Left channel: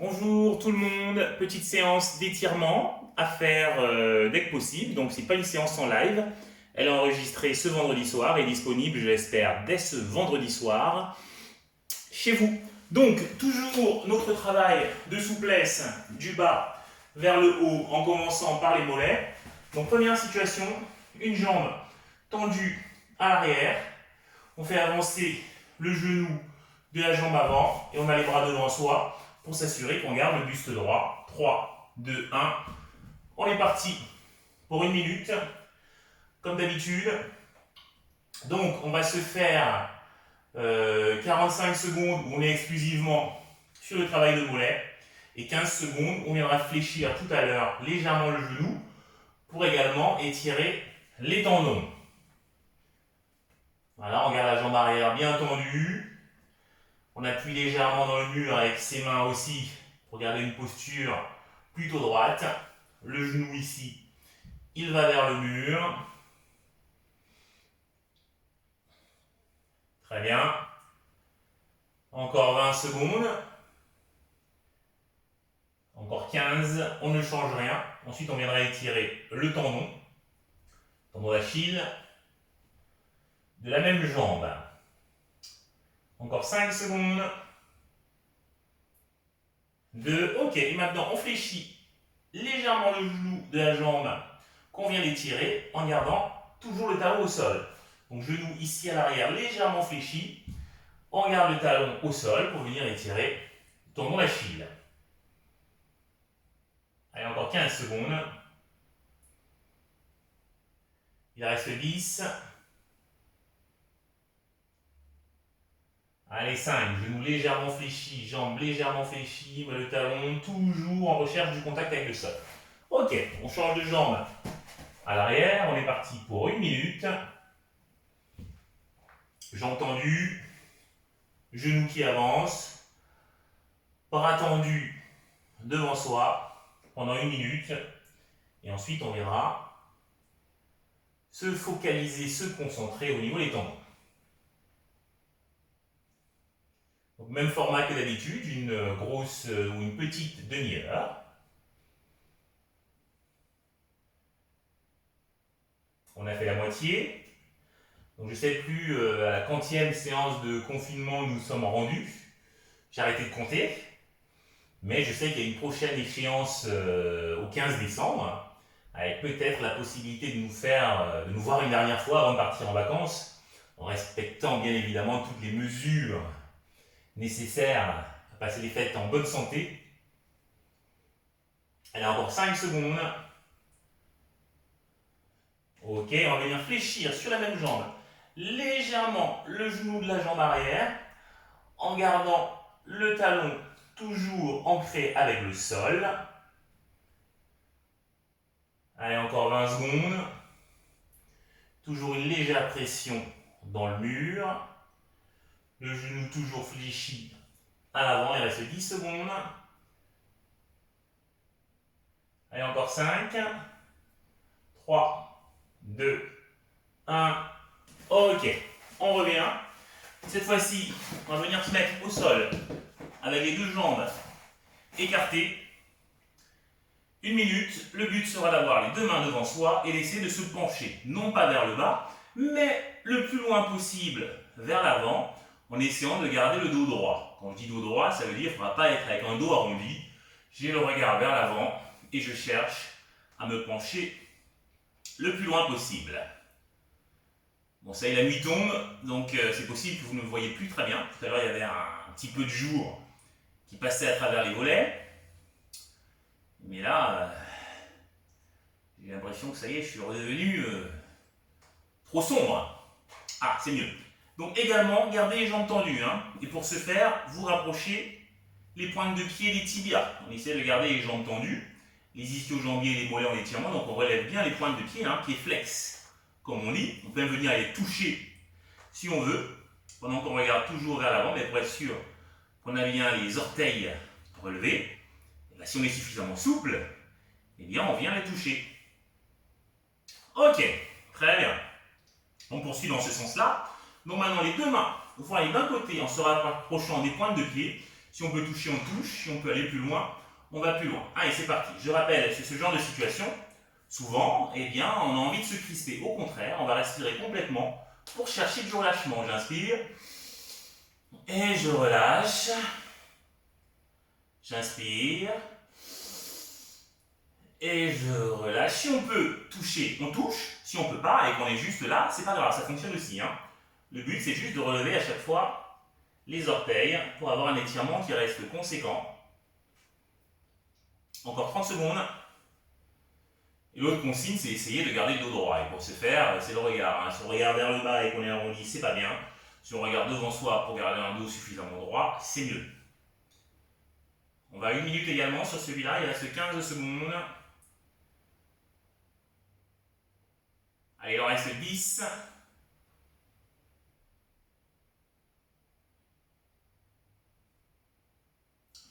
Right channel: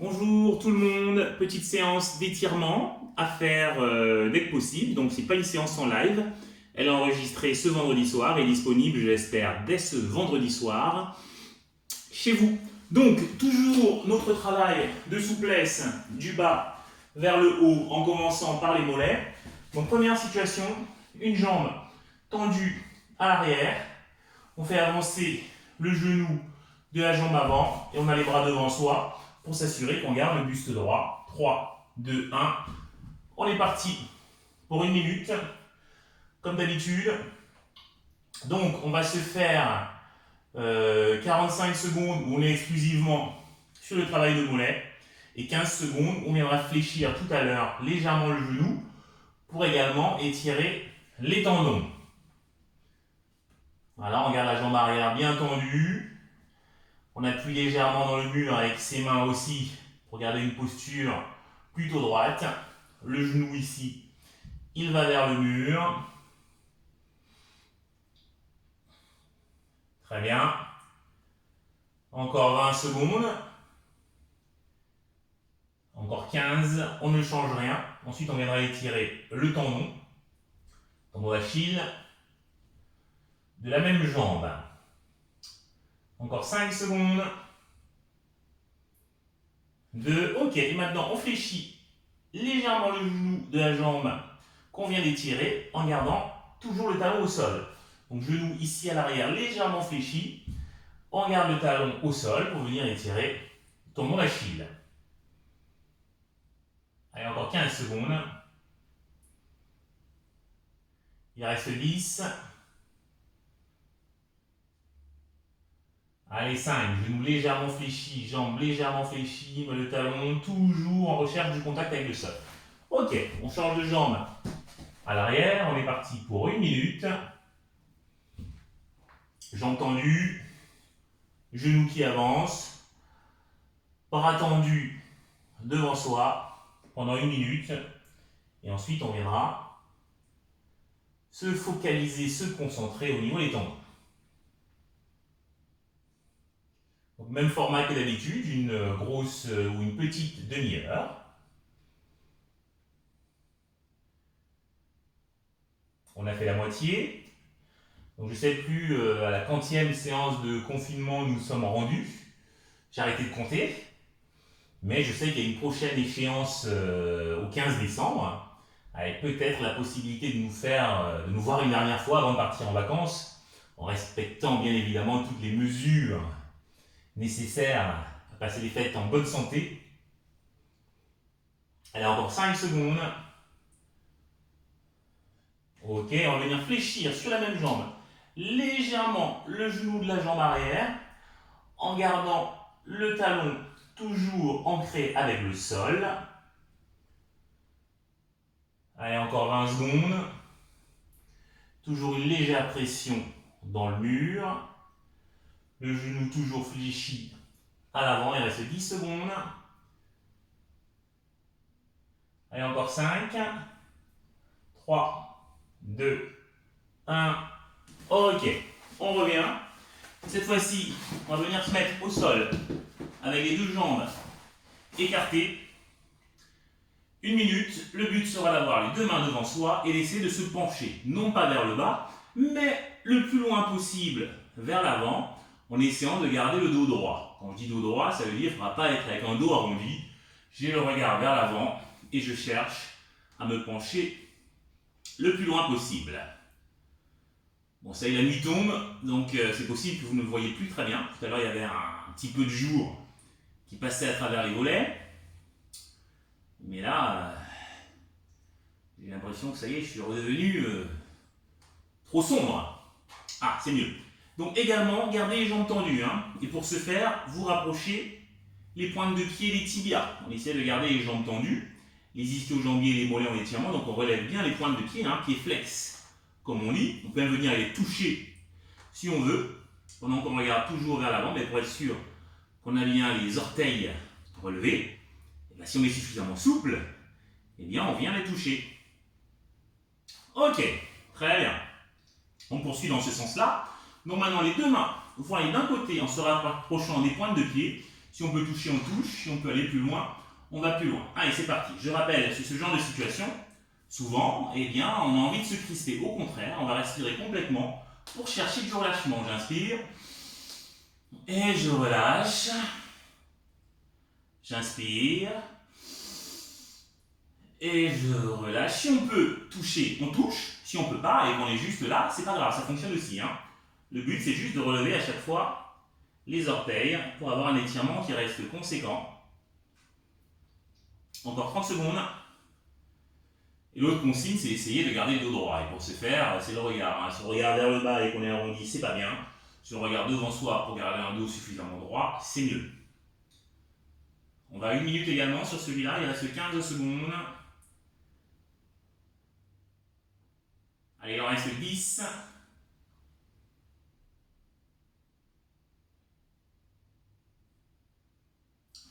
Bonjour tout le monde, petite séance d'étirement à faire dès que possible. Donc c'est pas une séance en live, elle est enregistrée ce vendredi soir et disponible, je l'espère, dès ce vendredi soir chez vous. Donc toujours notre travail de souplesse du bas vers le haut en commençant par les mollets. Donc première situation, une jambe tendue à l'arrière, on fait avancer le genou de la jambe avant et on a les bras devant soi pour s'assurer qu'on garde le buste droit. 3, 2, 1. On est parti pour une minute, comme d'habitude. Donc, on va se faire 45 secondes où on est exclusivement sur le travail de mollet et 15 secondes où on viendra fléchir tout à l'heure légèrement le genou pour également étirer les tendons. Voilà, on garde la jambe arrière bien tendue. On appuie légèrement dans le mur avec ses mains aussi pour garder une posture plutôt droite. Le genou ici, il va vers le mur. Très bien. Encore 20 secondes. Encore 15. On ne change rien. Ensuite, on viendra étirer le tendon d'Achille de la même jambe. Encore 5 secondes. 2. Ok. Et maintenant, on fléchit légèrement le genou de la jambe qu'on vient d'étirer en gardant toujours le talon au sol. Donc genou ici à l'arrière légèrement fléchi. On garde le talon au sol pour venir étirer le tendon d'Achille. Allez, encore 15 secondes. Il reste 10. Allez, 5. Genou légèrement fléchi, jambe légèrement fléchie, mais le talon toujours en recherche du contact avec le sol. Ok, on change de jambe à l'arrière. On est parti pour une minute. Jambe tendue, genou qui avance, bras tendus devant soi pendant une minute. Et ensuite, on viendra se focaliser, se concentrer au niveau des tendons. Donc, même format que d'habitude, une grosse ou une petite demi-heure. On a fait la moitié. Donc je ne sais plus à la quantième séance de confinement nous sommes rendus. J'ai arrêté de compter. Mais je sais qu'il y a une prochaine échéance au 15 décembre, avec peut-être la possibilité de nous voir une dernière fois avant de partir en vacances, en respectant bien évidemment toutes les mesures nécessaires à passer les fêtes en bonne santé. Allez, encore 5 secondes. Ok, on va venir fléchir sur la même jambe légèrement le genou de la jambe arrière en gardant le talon toujours ancré avec le sol. Allez, encore 20 secondes. Toujours une légère pression dans le mur. Le genou toujours fléchi à l'avant. Il reste 10 secondes. Allez, encore 5. 3, 2, 1. Ok, on revient. Cette fois-ci, on va venir se mettre au sol avec les deux jambes écartées. Une minute, le but sera d'avoir les deux mains devant soi et d'essayer de se pencher, non pas vers le bas, mais le plus loin possible vers l'avant, en essayant de garder le dos droit. Quand je dis dos droit, ça veut dire qu'il ne faudra pas être avec un dos arrondi. J'ai le regard vers l'avant et je cherche à me pencher le plus loin possible. Bon, ça y est, la nuit tombe, donc c'est possible que vous ne me voyez plus très bien. Tout à l'heure, il y avait un petit peu de jour qui passait à travers les volets. Mais là, j'ai l'impression que ça y est, je suis redevenu trop sombre. Ah, c'est mieux. Donc également, gardez les jambes tendues. Et pour ce faire, vous rapprochez les pointes de pied et les tibias. On essaie de garder les jambes tendues, les ischio-jambiers et les mollets en étirement. Donc on relève bien les pointes de pied, pieds flex, comme on dit. On peut même venir les toucher si on veut, pendant qu'on regarde toujours vers l'avant, mais pour être sûr qu'on a bien les orteils relevés. Et bien, si on est suffisamment souple, eh bien on vient les toucher. Ok, très bien. On poursuit dans ce sens-là. Donc maintenant les deux mains, vous allez d'un côté en se rapprochant des pointes de pied, Si on peut toucher, on touche. Si on peut aller plus loin, on va plus loin. Allez, c'est parti. Je rappelle, sur ce genre de situation, souvent, eh bien, on a envie de se crisper. Au contraire, on va respirer complètement pour chercher du relâchement. J'inspire et je relâche. J'inspire et je relâche. Si on peut toucher, on touche. Si on ne peut pas et qu'on est juste là, c'est pas grave, ça fonctionne aussi. Le but, c'est juste de relever à chaque fois les orteils pour avoir un étirement qui reste conséquent. Encore 30 secondes. Et l'autre consigne, c'est essayer de garder le dos droit. Et pour ce faire, c'est le regard. Si on regarde vers le bas et qu'on est arrondi, c'est pas bien. Si on regarde devant soi pour garder un dos suffisamment droit, c'est mieux. On va à 1 minute également sur celui-là, il reste 15 secondes. Allez, il en reste 10.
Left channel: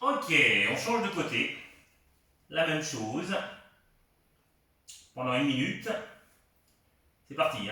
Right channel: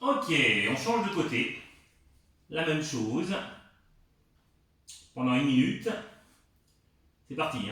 Ok, on change de côté. La même chose. Pendant 1 minute. C'est parti.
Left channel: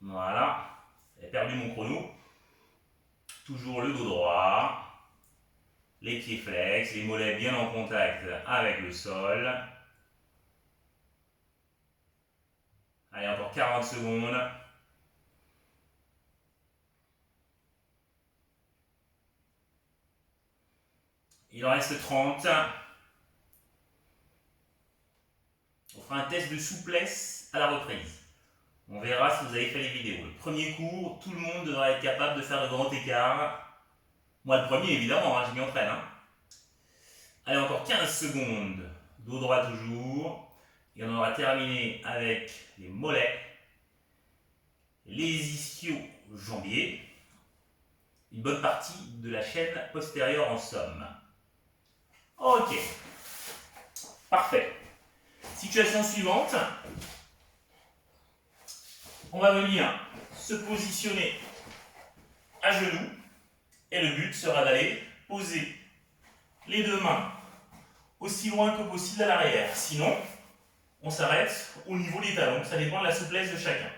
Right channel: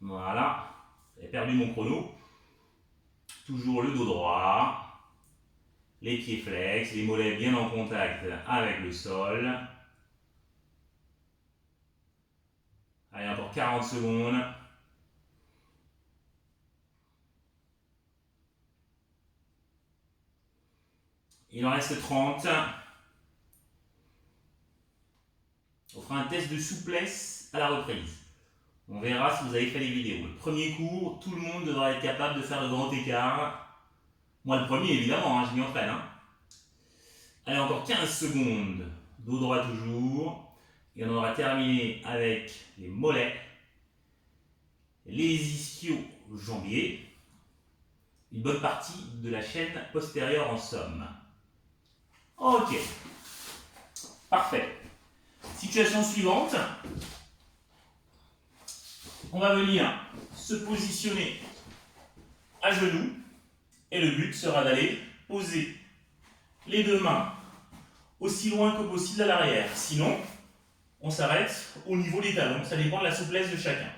Voilà. J'ai perdu mon chrono. Toujours le dos droit. Les pieds flex, les mollets bien en contact avec le sol. Allez, encore 40 secondes. Il en reste 30. On fera un test de souplesse à la reprise. On verra si vous avez fait les vidéos. Le premier cours, tout le monde devra être capable de faire le grand écart. Moi, le premier, évidemment, je m'y entraîne. Allez, encore 15 secondes. Dos droit toujours. Et on aura terminé avec les mollets, les ischio-jambiers, une bonne partie de la chaîne postérieure en somme. Ok, parfait. Situation suivante. On va venir se positionner à genoux et le but sera d'aller poser les deux mains aussi loin que possible à l'arrière. Sinon, on s'arrête au niveau des talons. Ça dépend de la souplesse de chacun.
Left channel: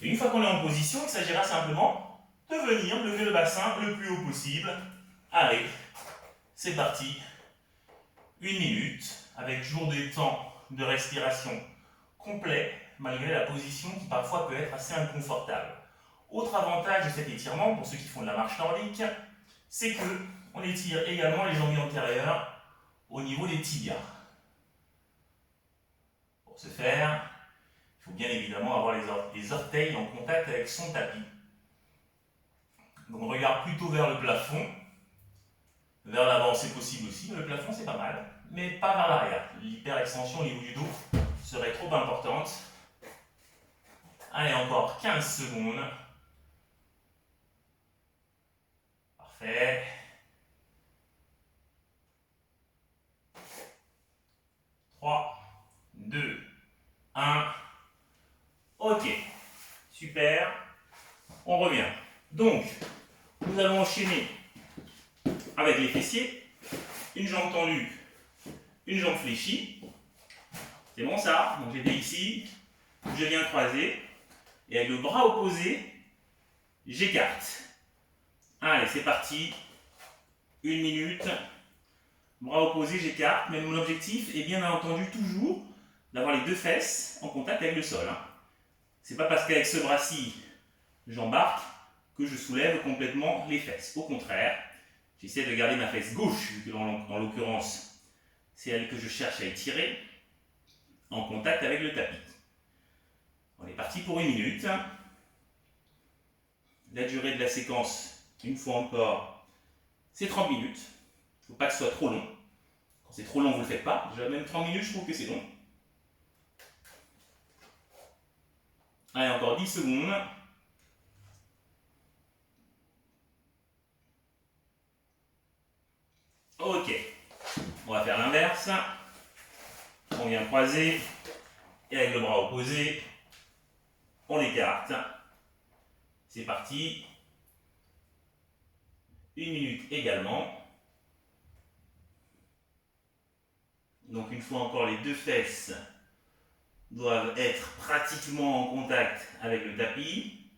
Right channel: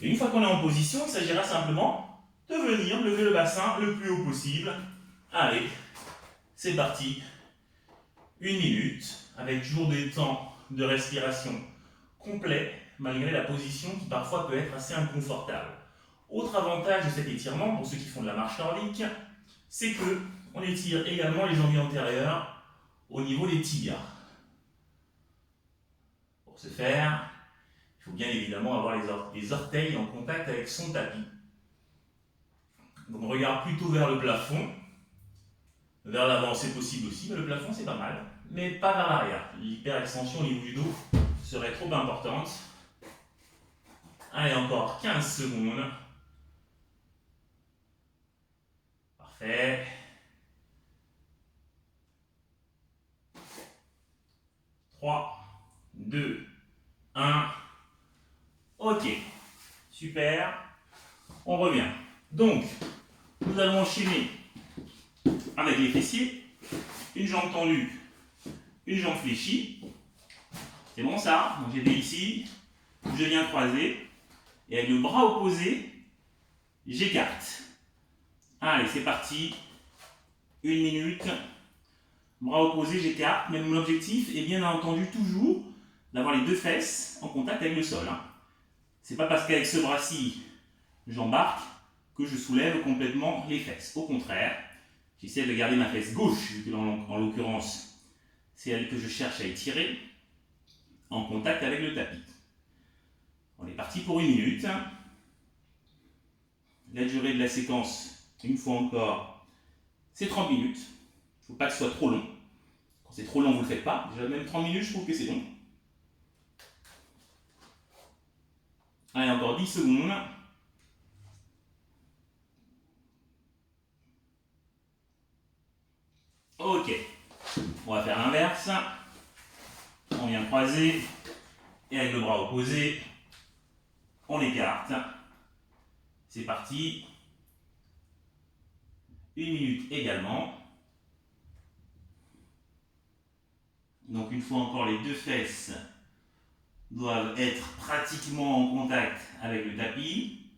Et une fois qu'on est en position, il s'agira simplement de venir lever le bassin le plus haut possible. Allez, c'est parti. 1 minute, avec toujours des temps de respiration complets, malgré la position qui parfois peut être assez inconfortable. Autre avantage de cet étirement, pour ceux qui font de la marche nordique, c'est qu'on étire également les jambiers antérieurs au niveau des tibias. Pour ce faire, il faut bien évidemment avoir les orteils en contact avec son tapis. Donc on regarde plutôt vers le plafond. Vers l'avant c'est possible aussi, mais le plafond c'est pas mal. Mais pas vers l'arrière. L'hyperextension au niveau du dos serait trop importante. Allez, encore 15 secondes. Parfait. 3, 2, 1. Ok. Super. On revient. Donc, nous allons enchaîner avec les fessiers. Une jambe tendue, une jambe fléchie. C'est bon ça? Donc j'étais ici. Je viens croiser. Et avec le bras opposé, j'écarte. Allez, c'est parti. 1 minute. Bras opposé, j'écarte. Mais mon objectif est bien entendu toujours d'avoir les deux fesses en contact avec le sol. C'est pas parce qu'avec ce bras-ci, j'embarque que je soulève complètement les fesses. Au contraire, j'essaie de garder ma fesse gauche, vu que en l'occurrence, c'est elle que je cherche à étirer, en contact avec le tapis. On est parti pour 1 minute. La durée de la séquence, une fois encore, c'est 30 minutes. Il ne faut pas que ce soit trop long. Quand c'est trop long, vous ne le faites pas. Déjà, même 30 minutes, je trouve que c'est long. Allez, encore 10 secondes. Ok. On va faire l'inverse. On vient croiser. Et avec le bras opposé, on écarte. C'est parti. 1 minute également. Donc une fois encore, les deux fesses doivent être pratiquement en contact avec le tapis.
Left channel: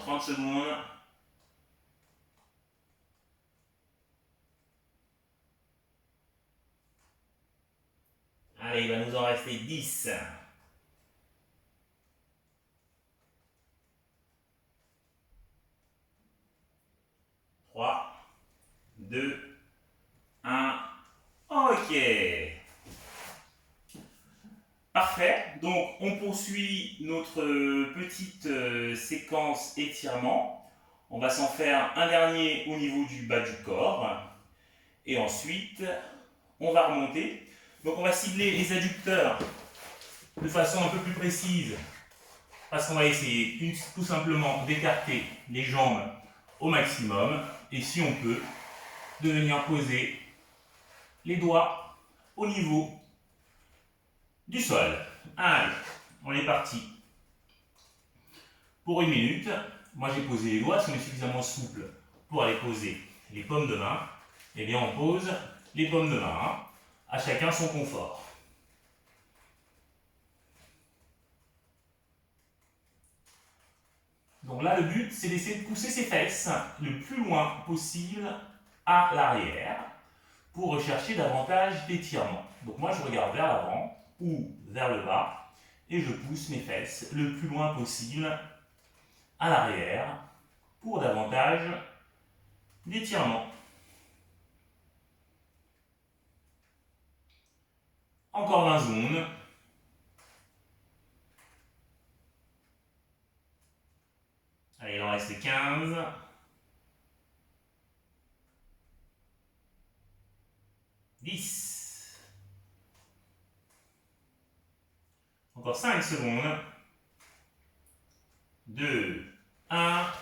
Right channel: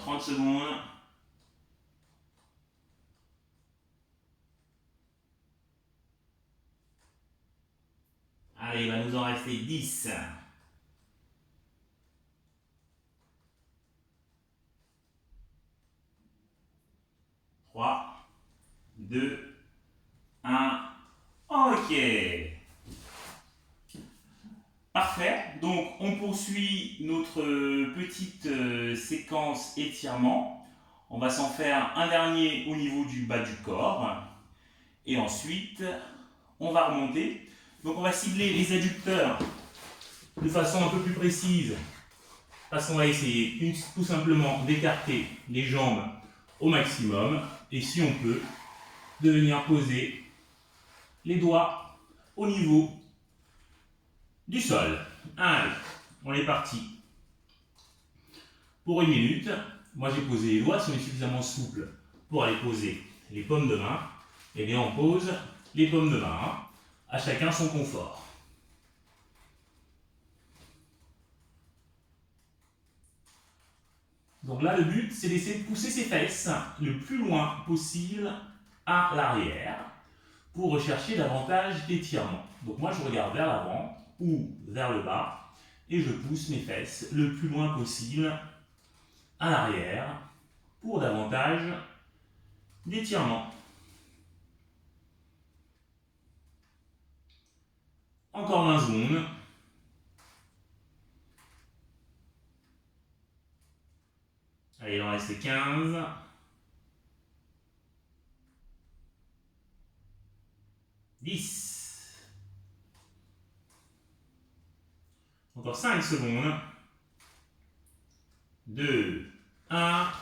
Encore 30 secondes. Allez, il va nous en rester 10. 3, 2, 1. Ok. Parfait. Donc, on poursuit notre petite séquence étirement. On va s'en faire un dernier au niveau du bas du corps. Et ensuite, on va remonter. Donc, on va cibler les adducteurs de façon un peu plus précise. Parce qu'on va essayer tout simplement d'écarter les jambes au maximum. Et si on peut, de venir poser les doigts au niveau du sol. Allez, on est parti. Pour 1 minute, moi j'ai posé les doigts. Si on est suffisamment souple pour aller poser les paumes de main, eh bien on pose les paumes de main. À chacun son confort. Donc là, le but, c'est d'essayer de pousser ses fesses le plus loin possible à l'arrière pour rechercher davantage d'étirement. Donc moi, je regarde vers l'avant ou vers le bas et je pousse mes fesses le plus loin possible à l'arrière pour davantage d'étirement. Encore 20 secondes. Allez, il en reste 15. 10. Encore 5 secondes. 2, 1.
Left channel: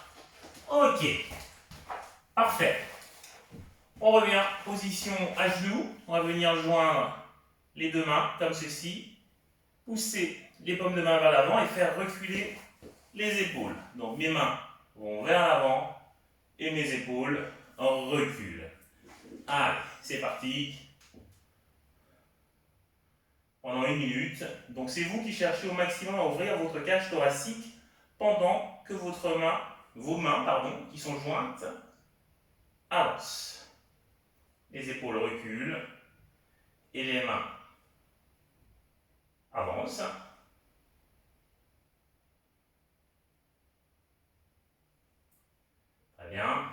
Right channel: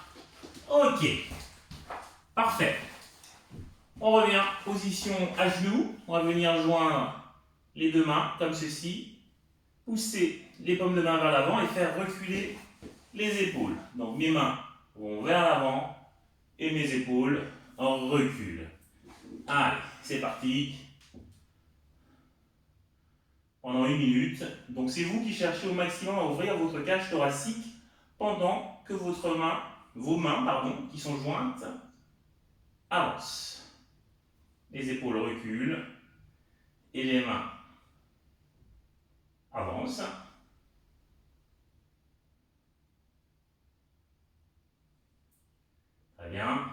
Ok. Parfait. On revient, position à genoux. On va venir joindre les deux mains comme ceci. Pousser les paumes de main vers l'avant et faire reculer les épaules. Donc mes mains vont vers l'avant et mes épaules reculent. Allez, c'est parti. Pendant 1 minute. Donc c'est vous qui cherchez au maximum à ouvrir votre cage thoracique pendant que vos mains, qui sont jointes, avancent. Les épaules reculent et les mains avancent. Très bien.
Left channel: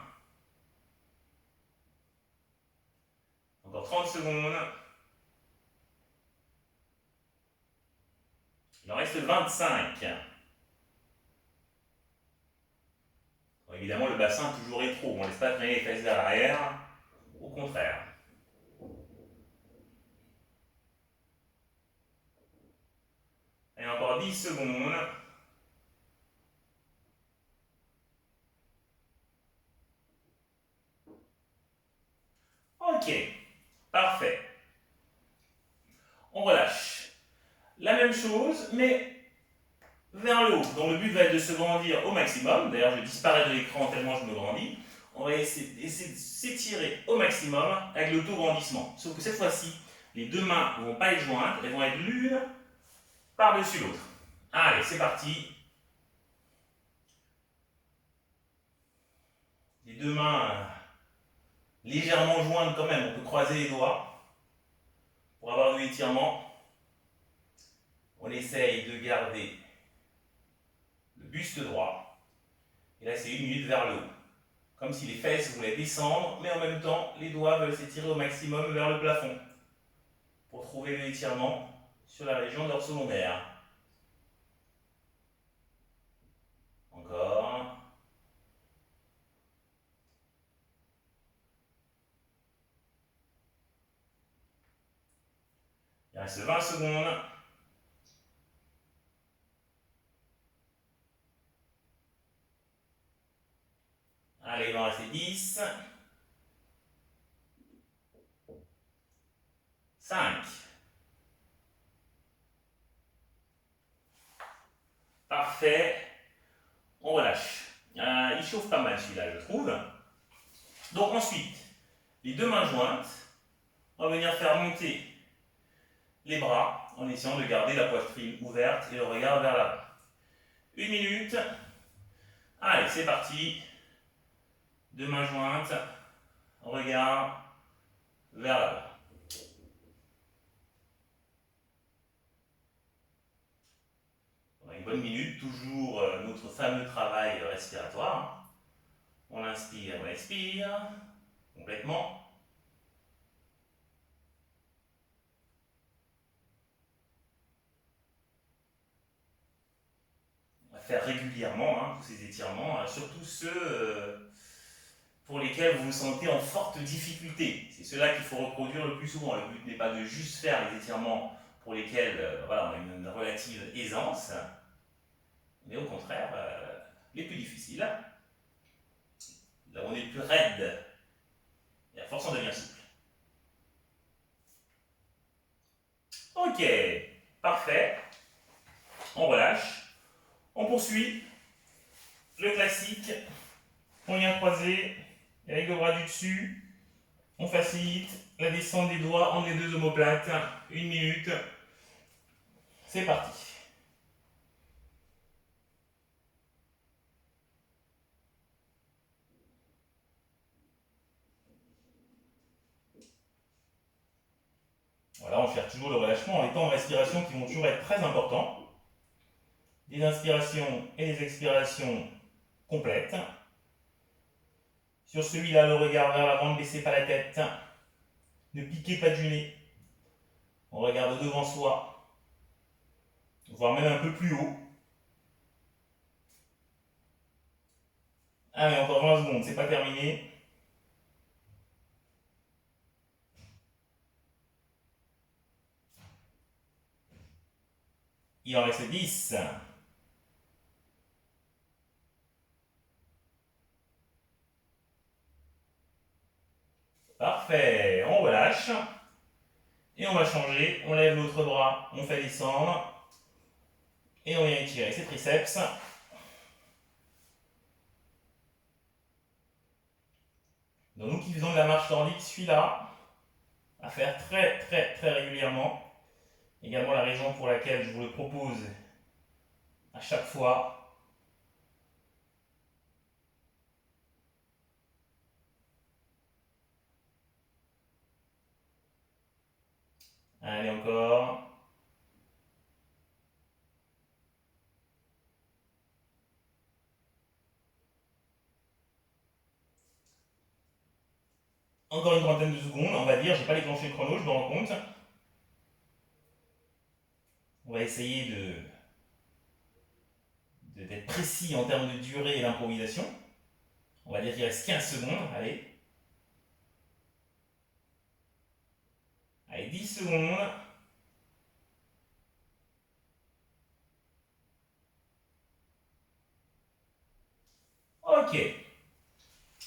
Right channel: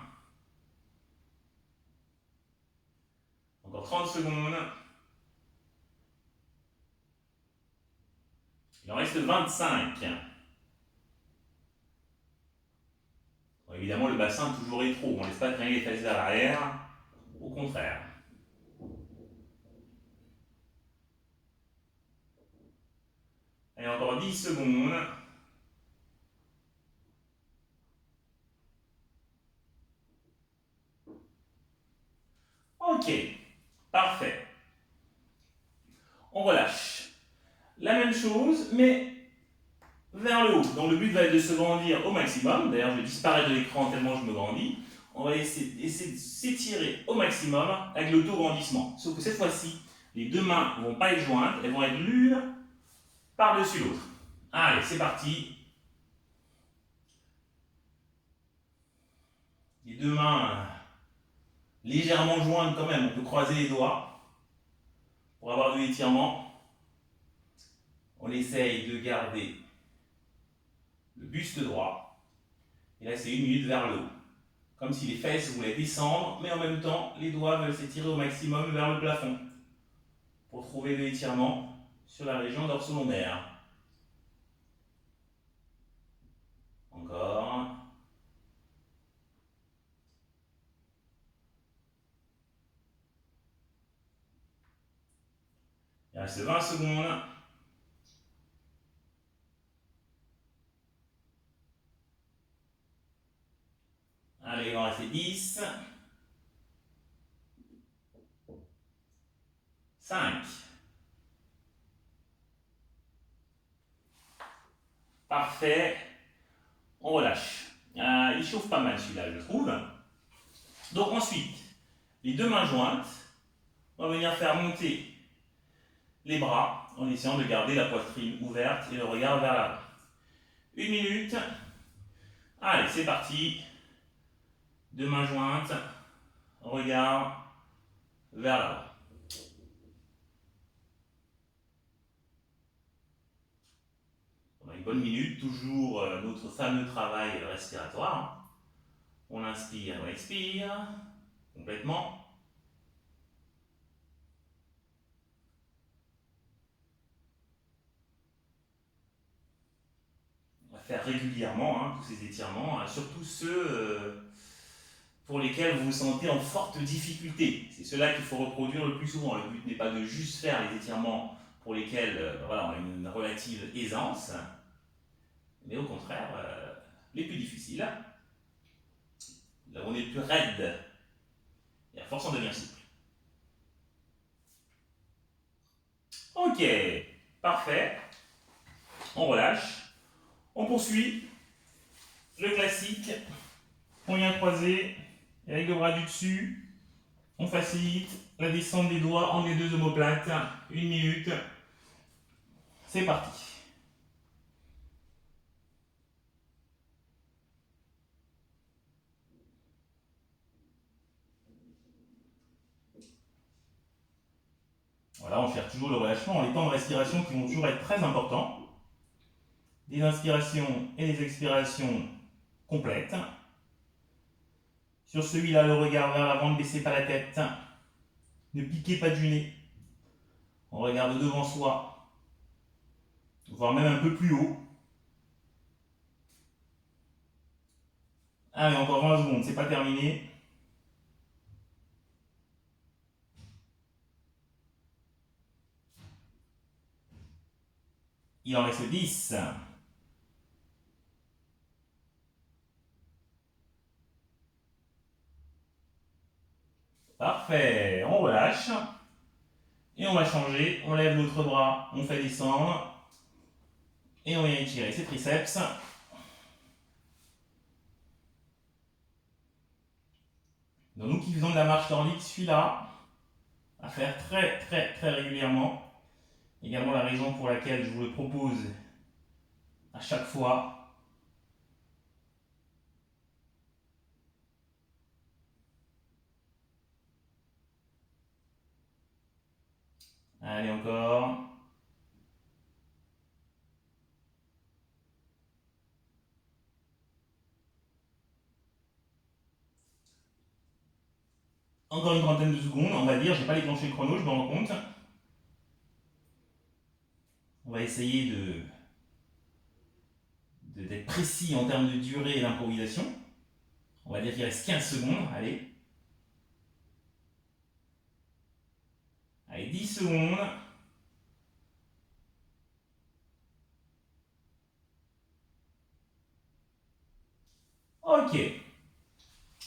Encore 30 secondes. Il en reste 25. Bon, évidemment, le bassin toujours rétro. On ne laisse pas traîner les fesses vers l'arrière. Au contraire. Et encore 10 secondes. Ok. Parfait. On relâche. La même chose, mais vers le haut. Donc le but va être de se grandir au maximum. D'ailleurs, je disparais de l'écran tellement je me grandis. On va essayer de s'étirer au maximum avec l'auto-grandissement. Sauf que cette fois-ci, les deux mains ne vont pas être jointes, elles vont être l'une par-dessus l'autre. Allez, c'est parti. Les deux mains légèrement jointes quand même. On peut croiser les doigts pour avoir de l'étirement. On essaye de garder le buste droit. Et là, c'est 1 minute vers le haut. Comme si les fesses voulaient descendre, mais en même temps, les doigts veulent s'étirer au maximum vers le plafond pour trouver l'étirement sur la région dorsolaire. Encore. Il reste 20 secondes. Allez, il va en rester 10. 5. Parfait. On relâche. Il chauffe pas mal celui-là, je trouve. Donc ensuite, les deux mains jointes, on va venir faire monter les bras en essayant de garder la poitrine ouverte et le regard vers l'avant. 1 minute. Allez, c'est parti. Deux mains jointes. Regard vers l'avant. On a une bonne minute, toujours notre fameux travail respiratoire. On inspire, on expire complètement. On va faire régulièrement tous ces étirements, surtout ceux pour lesquels vous vous sentez en forte difficulté. C'est ceux-là qu'il faut reproduire le plus souvent. Le but n'est pas de juste faire les étirements pour lesquels voilà, on a une relative aisance, mais au contraire, les plus difficiles, là où on est le plus raide, et à force on devient souple. Ok, parfait. On relâche. On poursuit. Le classique. On vient croiser avec le bras du dessus. On facilite la descente des doigts en les deux omoplates. 1 minute. C'est parti. Voilà, on cherche toujours le relâchement. Les temps de respiration qui vont toujours être très importants. Des inspirations et des expirations complètes. Sur celui-là, le regard vers l'avant, ne baissez pas la tête. Ne piquez pas du nez. On regarde devant soi, voire même un peu plus haut. Allez, encore 20 secondes, c'est pas terminé. Il en reste 10. Parfait, on relâche. Et on va changer, on lève l'autre bras, on fait descendre. Et on vient étirer ses triceps. Donc nous qui faisons de la marche nordique, celui-là, à faire très régulièrement. Également la raison pour laquelle je vous le propose à chaque fois. Allez, encore. Encore une trentaine de secondes, on va dire, j'ai pas déclenché le chrono, je me rends compte. On va essayer d'être précis en termes de durée et d'improvisation. On va dire qu'il reste 15 secondes, allez. Allez, 10 secondes. Ok,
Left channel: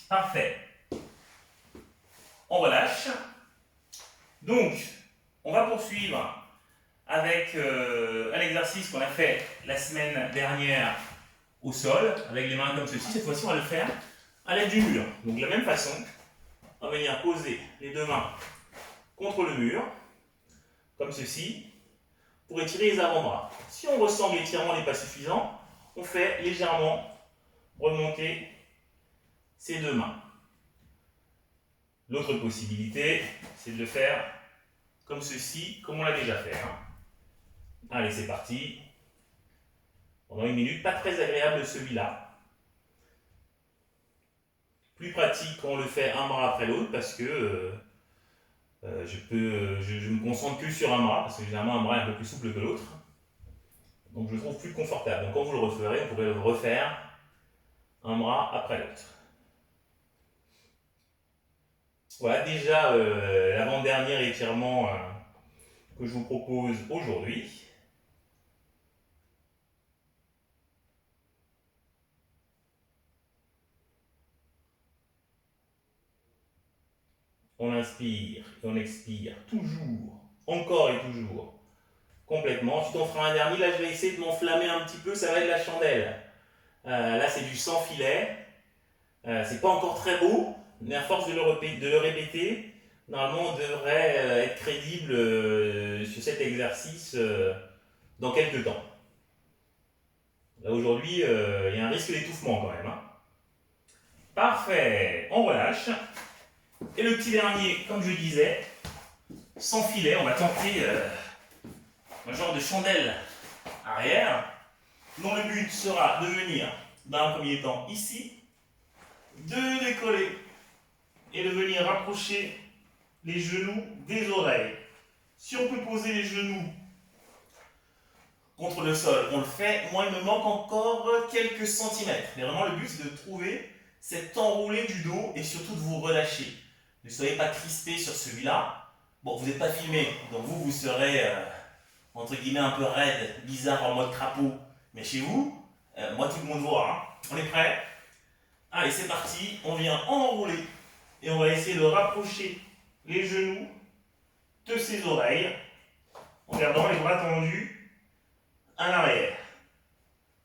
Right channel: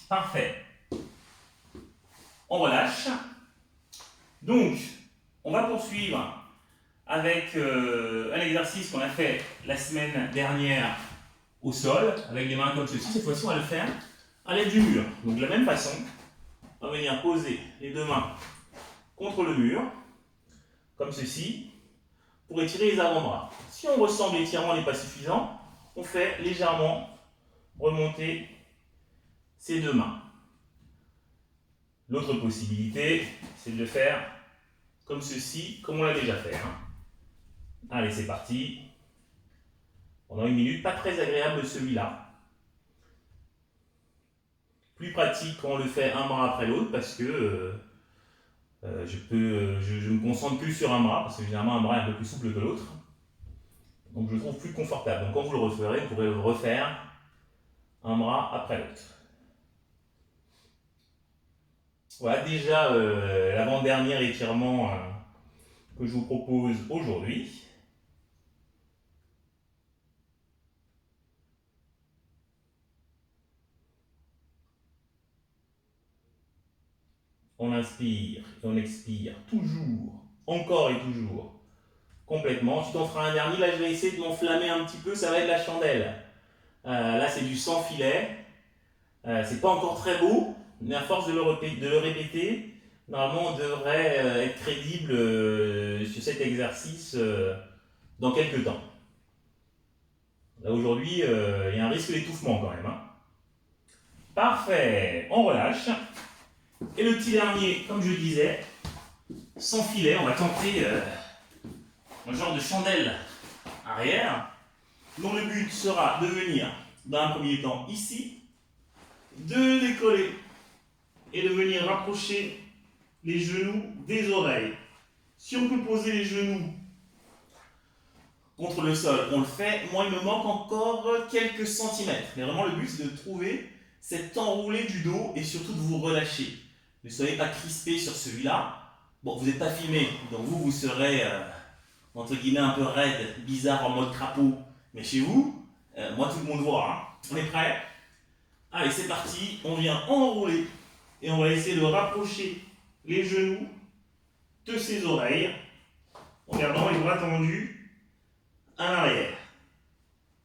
parfait. On relâche. Donc, on va poursuivre avec un exercice qu'on a fait la semaine dernière au sol, avec les mains comme ceci. Cette fois-ci, on va le faire à l'aide du mur. Donc, de la même façon, on va venir poser les deux mains contre le mur, comme ceci, pour étirer les avant-bras. Si on ressent que l'étirement n'est pas suffisant, on fait légèrement remonter ces deux mains. L'autre possibilité, c'est de le faire comme ceci, comme on l'a déjà fait. Allez, c'est parti. Pendant 1 minute, pas très agréable celui-là. Plus pratique quand on le fait un bras après l'autre parce que je me concentre que sur un bras, parce que généralement un bras est un peu plus souple que l'autre. Donc je le trouve plus confortable. Donc quand vous le referez, vous pourrez le refaire un bras après l'autre. Voilà déjà l'avant-dernier étirement que je vous propose aujourd'hui. On inspire et on expire toujours, encore et toujours, complètement. Ensuite on fera un dernier, là je vais essayer de m'enflammer un petit peu, ça va être la chandelle. Là c'est du sans filet, c'est pas encore très beau, mais à force de le répéter, normalement on devrait être crédible sur cet exercice dans quelques temps. Là aujourd'hui, il y a un risque d'étouffement quand même. Hein. Parfait, on relâche. Et le petit dernier, comme je disais, sans filet, on va tenter un genre de chandelle arrière, dont le but sera de venir, dans un premier temps, ici, de décoller et de venir rapprocher les genoux des oreilles. Si on peut poser les genoux contre le sol, on le fait. Moi, il me manque encore quelques centimètres. Mais vraiment, le but, c'est de trouver cet enroulé du dos et surtout de vous relâcher. Ne soyez pas crispé sur celui-là. Bon, vous n'êtes pas filmé, donc vous serez, entre guillemets, un peu raide, bizarre en mode crapaud. Mais chez vous, moi, tout le monde voit. Hein. On est prêt? Allez, c'est parti. On vient enrouler et on va essayer de rapprocher les genoux de ses oreilles en gardant les bras tendus à l'arrière.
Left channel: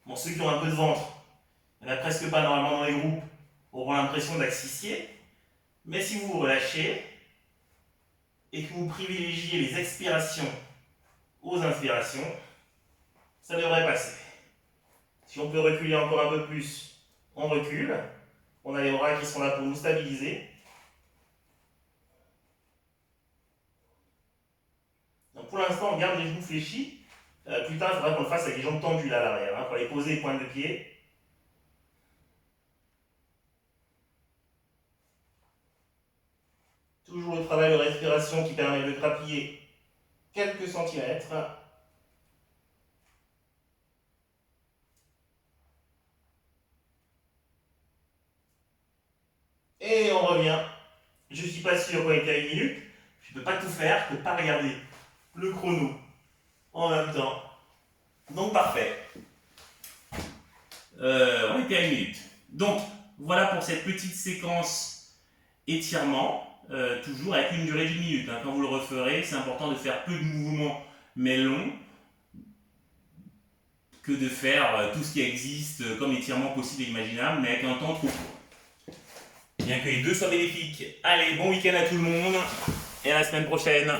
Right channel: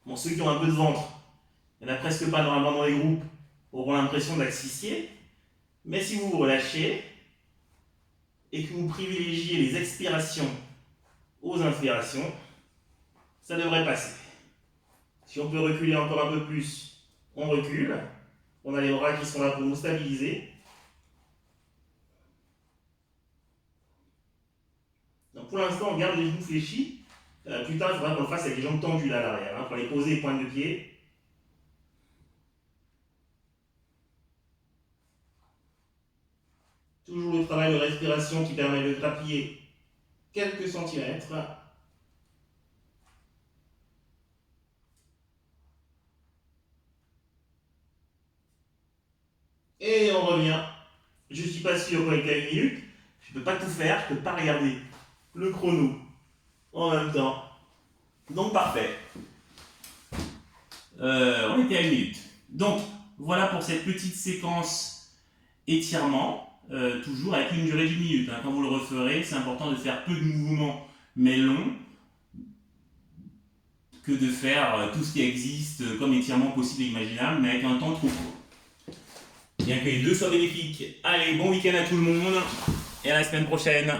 Bon, ceux qui ont un peu de ventre, il n'y en a presque pas normalement dans les groupes, auront l'impression d'asphyxier. Mais si vous vous relâchez et que vous privilégiez les expirations aux inspirations, ça devrait passer. Si on peut reculer encore un peu plus, on recule. On a les bras qui sont là pour nous stabiliser. Donc pour l'instant, on garde les genoux fléchis. Plus tard, il faudra qu'on le fasse avec les jambes tendues là à l'arrière, hein, pour aller poser les pointes de pied. Toujours le travail de respiration qui permet de grappiller quelques centimètres. Et on revient. Je ne suis pas sûr qu'on est à 1 minute. Je ne peux pas tout faire, je ne peux pas regarder le chrono en même temps. Donc parfait. On était à 1 minute. Donc voilà pour cette petite séquence étirement. Toujours avec une durée d'1 minute. Hein. Quand vous le referez, c'est important de faire peu de mouvements mais longs que de faire tout ce qui existe comme étirement possible et imaginable, mais avec un temps trop court. Bien que les deux soient bénéfiques. Allez, bon week-end à tout le monde et à la semaine prochaine.